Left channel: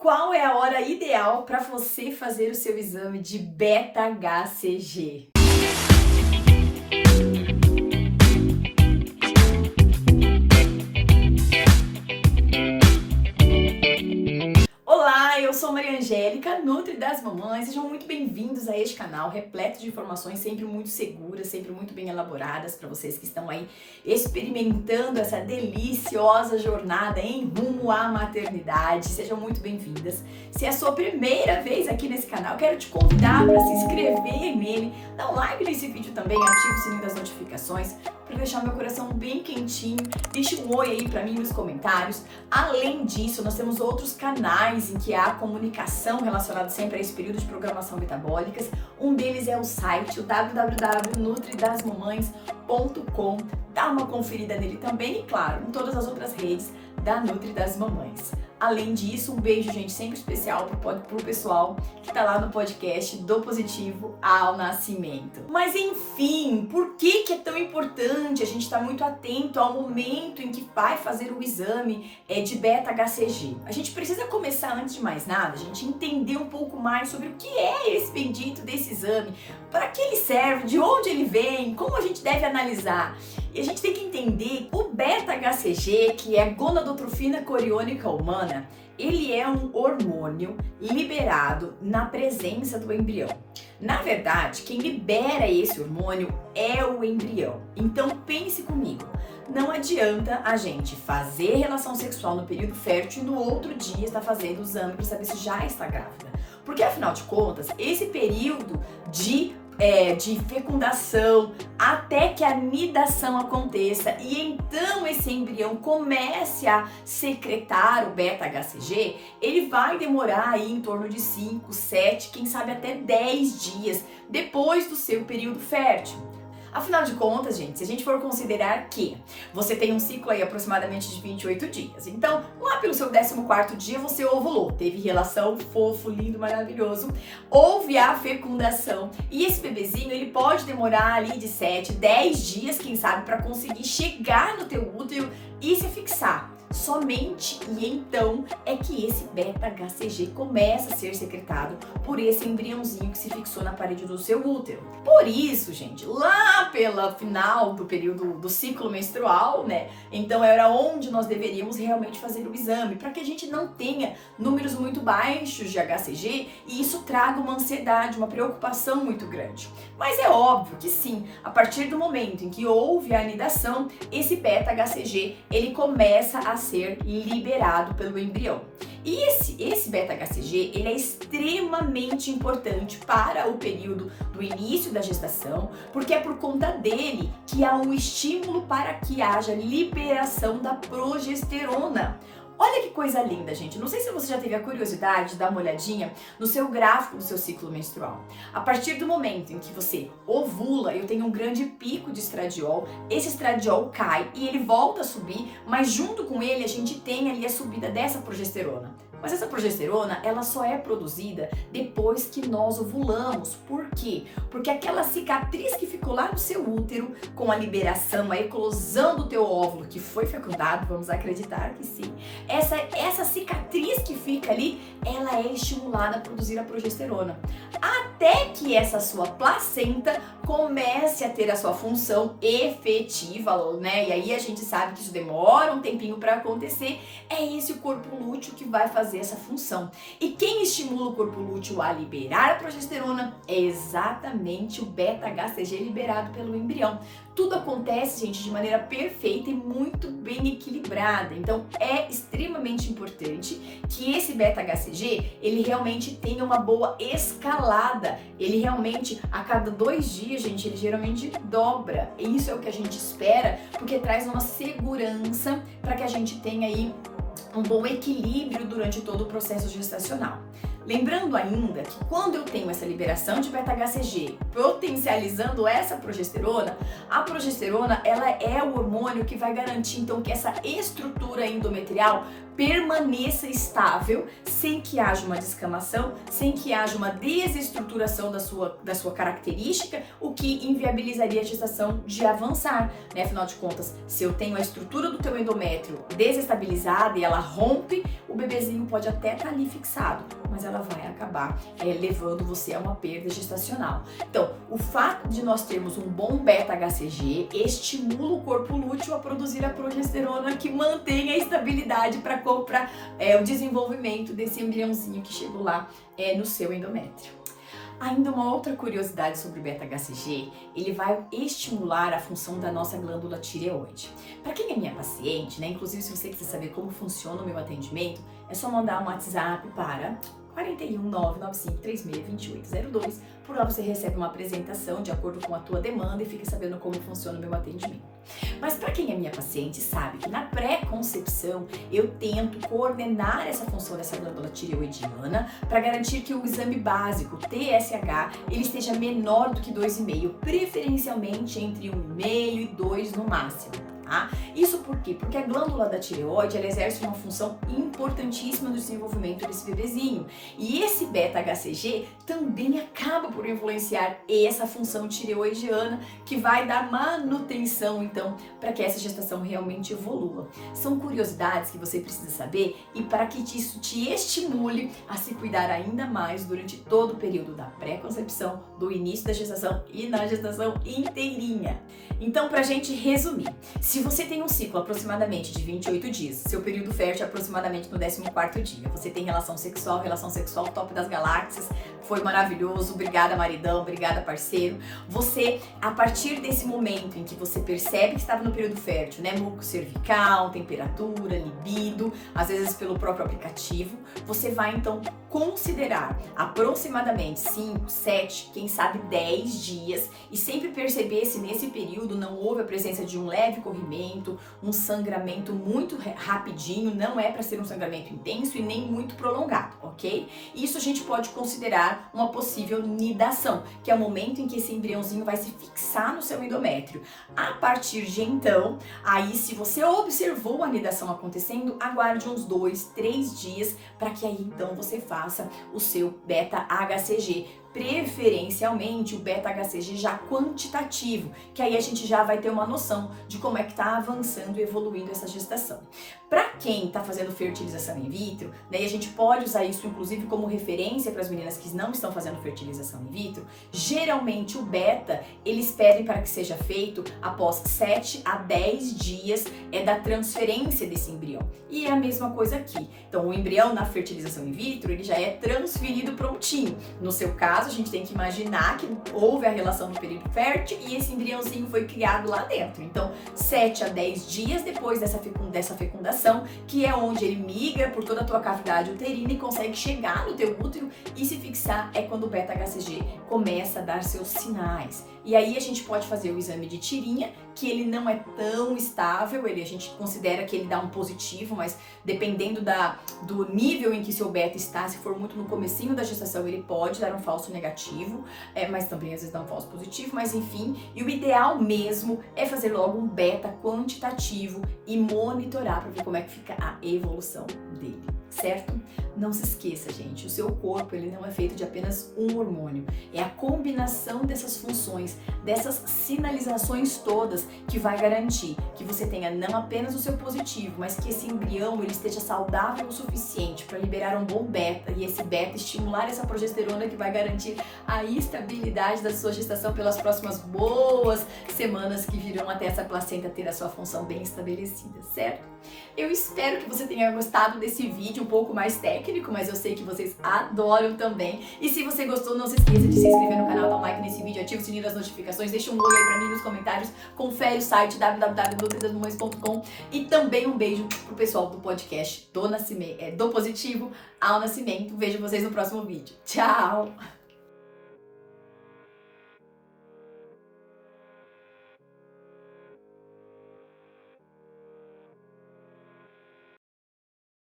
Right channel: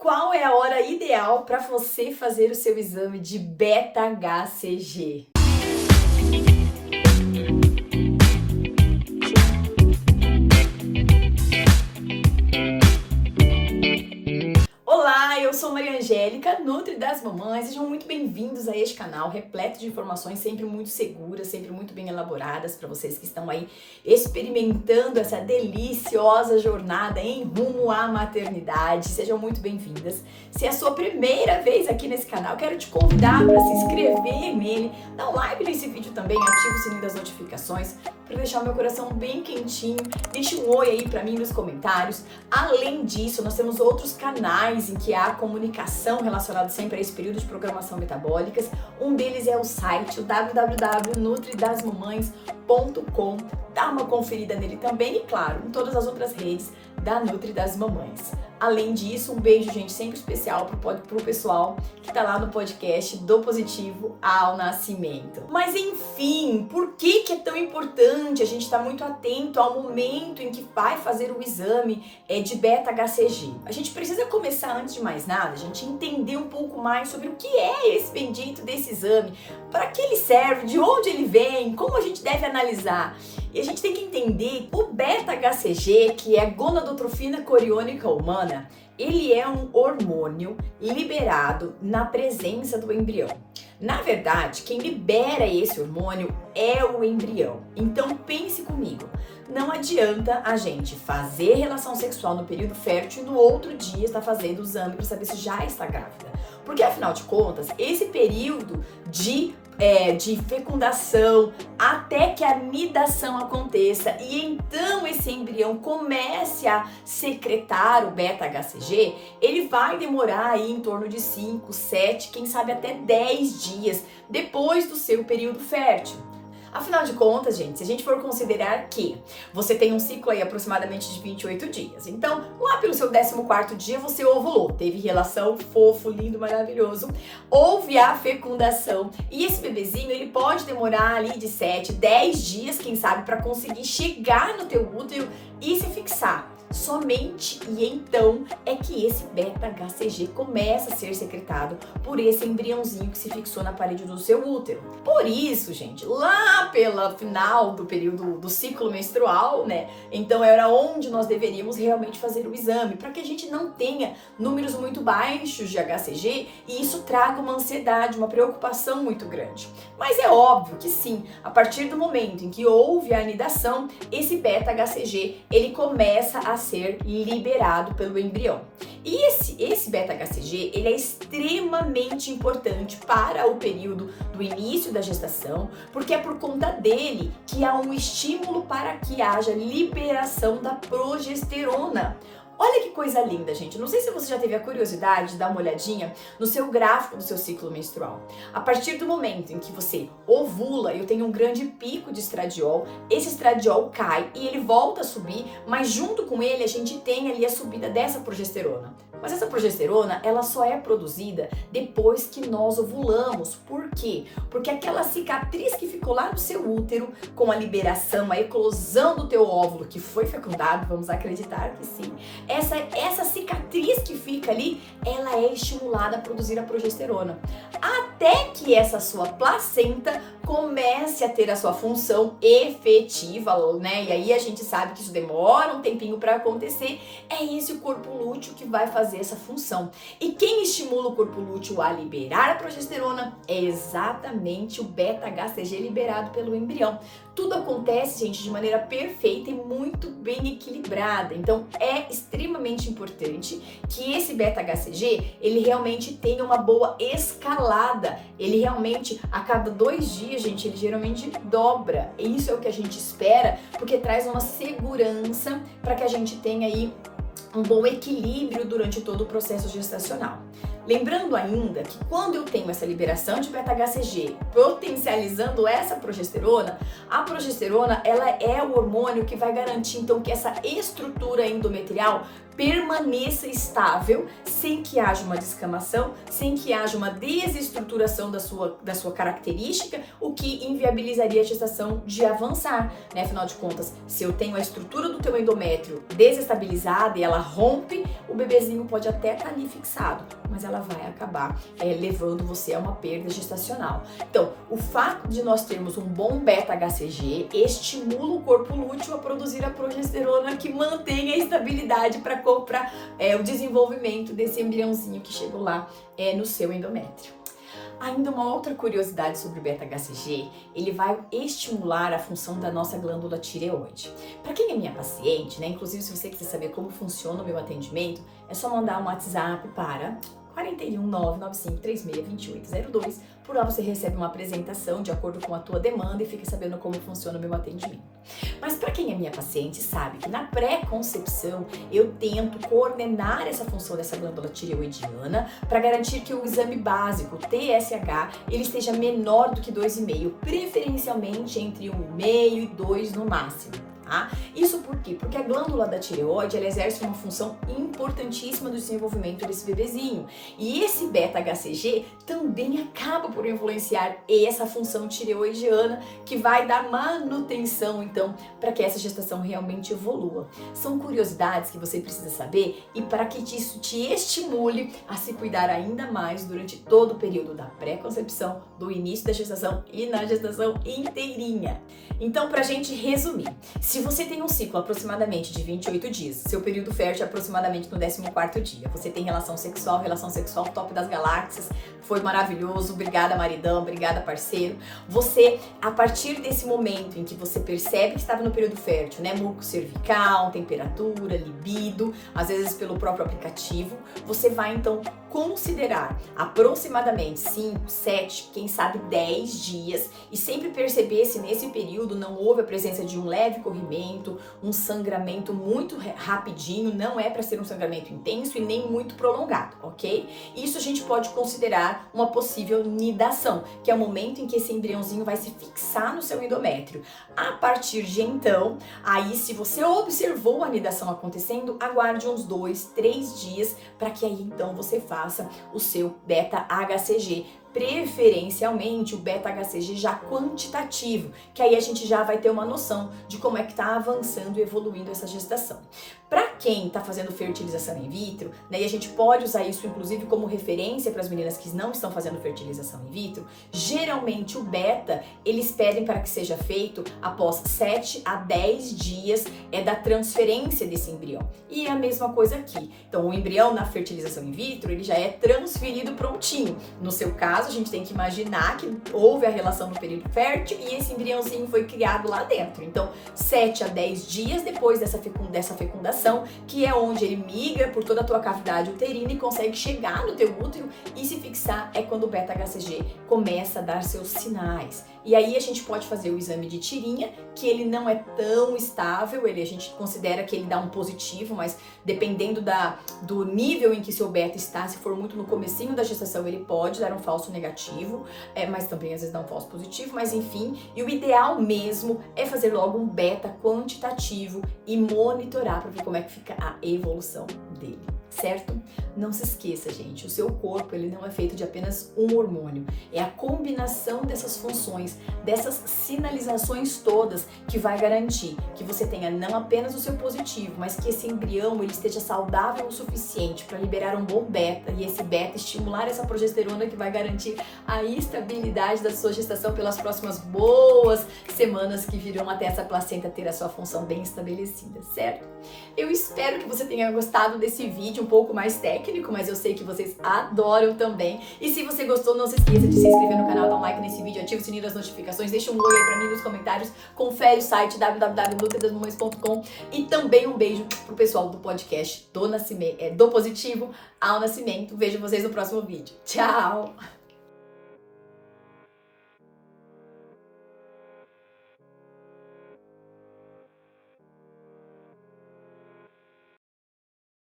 Qual é a hora ideal para você fazer o seu exame de beta-HCG? Olá, eu sou Maria Angélica, Nutri das Mamães. Sejam muito bem-vindos a este canal repleto de informações sempre muito seguras, sempre muito bem elaboradas para vocês que estão aí experimentando essa deliciosa jornada em rumo à maternidade. Sejam muito bem-vindas. Se é a sua primeira vez aqui nesse canal, quero te convidar para se inscrever nele, dar um like nesse vídeo também, ativa o sininho das notificações para deixar meu coração bem quentinho. Deixe um oi aí para mim nos comentários. Além disso, nós temos outros canais em que há comunicação relacionada sempre a esse período de programação metabólicas. Um deles é o site, o www.nutridasmamães.com. Dá uma conferida nele também e, claro, em todas as outras redes da Nutri das Mamães. Além disso, um beijo, gente, sempre especial pro pessoal que tá lá no podcast do Positivo ao Nascimento. Mas enfim, por que é tão importante a gente estar muito atento ao momento em que vai fazer o exame de beta-HCG? A gente precisa começar, antes de mais nada, a gente entender um pouco mais sobre o que é esse bendito desse exame, para que ele serve, de onde ele vem, como a gente deve analisar. E a gente tem que entender o beta-HCG, que é a gonadotrofina coriônica humana, ele é um hormônio liberado na presença do embrião. Na verdade, quem libera esse hormônio é o embrião. Então pense comigo, não adianta a gente fazer relação sexual no período fértil e no outro dia estar fazendo o exame para saber se já está grávida. Porque afinal de contas, esse período de fecundação até que a nidação aconteça e então esse embrião comece a secretar o beta-HCG, ele vai demorar aí em torno de 5, 7, quem sabe até 10 dias depois do seu período fértil. Afinal de contas, gente, se a gente for considerar que você tem um ciclo aí aproximadamente de 28 dias, então lá pelo seu 14º dia você ovulou, teve relação, fofo, lindo, maravilhoso, houve a fecundação e esse bebezinho ele pode demorar ali de 7, 10 dias, quem sabe, para conseguir chegar no teu útero e se fixar. Somente e então é que esse beta-HCG começa a ser secretado por esse embriãozinho que se fixou na parede do seu útero. Por isso, gente, lá pela final do período do ciclo menstrual, né? Então era onde nós deveríamos realmente fazer o exame, para que a gente não tenha números muito baixos de HCG e isso traga uma ansiedade, uma preocupação muito grande. Mas é óbvio que sim, a partir do momento em que houve a anidação, esse beta-HCG ele começa a ser liberado pelo embrião. E esse beta-HCG, ele é extremamente importante para o período do início da gestação, porque é por conta dele que há um estímulo para que haja liberação da progesterona. Olha que coisa linda, gente. Não sei se você já teve a curiosidade de dar uma olhadinha no seu gráfico do seu ciclo menstrual. A partir do momento em que você ovula, eu tenho um grande pico de estradiol, esse estradiol cai e ele volta a subir, mas junto com ele a gente tem ali a subida dessa progesterona. Mas essa progesterona, ela só é produzida depois que nós ovulamos. Por quê? Porque aquela cicatriz que ficou lá no seu útero, com a liberação, a eclosão do teu óvulo que foi fecundado, vamos acreditar que sim, essa cicatriz que fica ali, ela é estimulada a produzir a progesterona. Até que essa sua placenta comece a ter a sua função efetiva, né? E aí a gente sabe que isso demora um tempinho para acontecer. É esse o corpo lúteo que vai fazer essa função. E quem estimula o corpo lúteo a liberar a progesterona é exatamente o beta-HCG liberado pelo embrião. Tudo acontece, gente, de maneira perfeita e muito bem equilibrada. Então, é extremamente importante que esse beta-HCG, ele realmente tenha uma boa escalada. Ele realmente, a cada 2 dias, gente, ele geralmente dobra. E isso é o que a gente espera, porque traz uma segurança para que a gente tenha aí um bom equilíbrio durante todo o processo gestacional. Lembrando ainda que quando eu tenho essa liberação de beta-HCG potencializando essa progesterona, a progesterona ela é o hormônio que vai garantir então que essa estrutura endometrial permaneça estável, sem que haja uma descamação, sem que haja uma desestruturação da sua característica, o que inviabilizaria a gestação de avançar, né? Afinal de contas, se eu tenho a estrutura do teu endométrio desestabilizada e ela rompe, o bebezinho pode até estar ali fixado, mas ela vai acabar levando você a uma perda gestacional. Então, o fato de nós termos um bom beta-HCG estimula o corpo lúteo a produzir a progesterona que mantém a estabilidade para o desenvolvimento desse embriãozinho que chegou lá no seu endométrio. Ainda uma outra curiosidade sobre o beta-HCG, ele vai estimular a função da nossa glândula tireoide. Para quem é minha paciente, né, inclusive se você quiser saber como funciona o meu atendimento, é só mandar um WhatsApp para 41 995 36 2802. Por lá você recebe uma apresentação de acordo com a tua demanda e fica sabendo como funciona o meu atendimento. Mas para quem é minha paciente sabe que na pré-concepção eu tento coordenar essa função dessa glândula tireoidiana para garantir que o exame básico TSH ele esteja menor do que 2,5, preferencialmente entre 1,5 e 2 no máximo. Isso por quê? Porque a glândula da tireoide ela exerce uma função importantíssima no desenvolvimento desse bebezinho. E esse beta-HCG também acaba por influenciar essa função tireoidiana que vai dar manutenção, então, para que essa gestação realmente evolua. São curiosidades que você precisa saber e para que isso te estimule a se cuidar ainda mais durante todo o período da pré-concepção, do início da gestação e na gestação inteirinha. Então, para a gente resumir, se você tem um ciclo aproximadamente de 28 dias, seu período fértil é aproximadamente no 14º dia, você tem relação sexual top das galáxias, foi maravilhoso, obrigada maridão, obrigada parceiro. Você, a partir desse momento em que você percebe que estava no período fértil, né, muco cervical, temperatura, libido, às vezes pelo próprio aplicativo, você vai então considerar aproximadamente 5, 7, quem sabe 10 dias e sempre perceber se nesse período não houve a presença de um leve corrimento, um sangramento muito rapidinho, não é para ser um sangramento intenso e nem muito prolongado, ok? Isso a gente pode considerar uma possível nidação, que é o momento em que esse embriãozinho vai se fixar no seu endométrio. A partir de então, aí se você observou a nidação acontecendo, aguarde uns 2, 3 dias para que aí então você faça o seu beta-HCG, preferencialmente o beta-HCG já quantitativo, que aí a gente já vai ter uma noção de como é que tá avançando e evoluindo essa gestação. Para quem tá fazendo fertilização in vitro, né, e a gente pode usar isso inclusive como referência para as meninas que não estão fazendo fertilização in vitro, geralmente o beta, eles pedem para que seja feito após 7 a 10 dias da transferência desse embrião. E é a mesma coisa aqui. Então, o embrião na fertilização in vitro, ele já é transferido prontinho. No seu caso, a gente tem que imaginar que houve a relação no período fértil e esse embriãozinho foi criado lá dentro. Então, 7 a 10 dias depois dessa fecundação, que é onde ele migra por toda a tua cavidade uterina e consegue chegar no teu útero e se fixar, é quando o beta-HCG começa a dar seus sinais. E aí a gente pode fazer o exame de tirinha, que ele não é tão estável, a gente considera que ele dá um positivo, mas dependendo do nível em que seu beta está, se for muito no comecinho da gestação, ele pode dar um falso negativo, mas também às vezes dá um falso positivo, mas enfim, e o ideal mesmo é fazer logo um beta quantitativo e monitorar para ver como é que fica a evolução dele, certo? Não se esqueça, gente, o seu corpo ele não é feito de apenas um hormônio, é a combinação dessas funções, dessas sinalizações todas que vai garantir que você tenha não apenas o seu positivo, mas que esse embrião ele esteja saudável o suficiente para liberar um bom beta e esse beta estimular essa progesterona que vai garantir a estabilidade da sua gestação pelas próximas boas semanas que virão até essa placenta ter a sua função bem estabelecida, certo? Eu espero que você tenha gostado desse vídeo um pouco mais técnico, mas eu sei que vocês adoram também. E se você gostou, não se esqueça de se inscrever no canal, dar um like nesse vídeo, ativa o sininho das notificações, deixa um oi aí pra mim nos comentários, confere o site www.nutridasmamães.com e também um beijo pro pessoal do podcast do Positivo ao Nascimento. Vejo vocês no próximo vídeo. Tchau!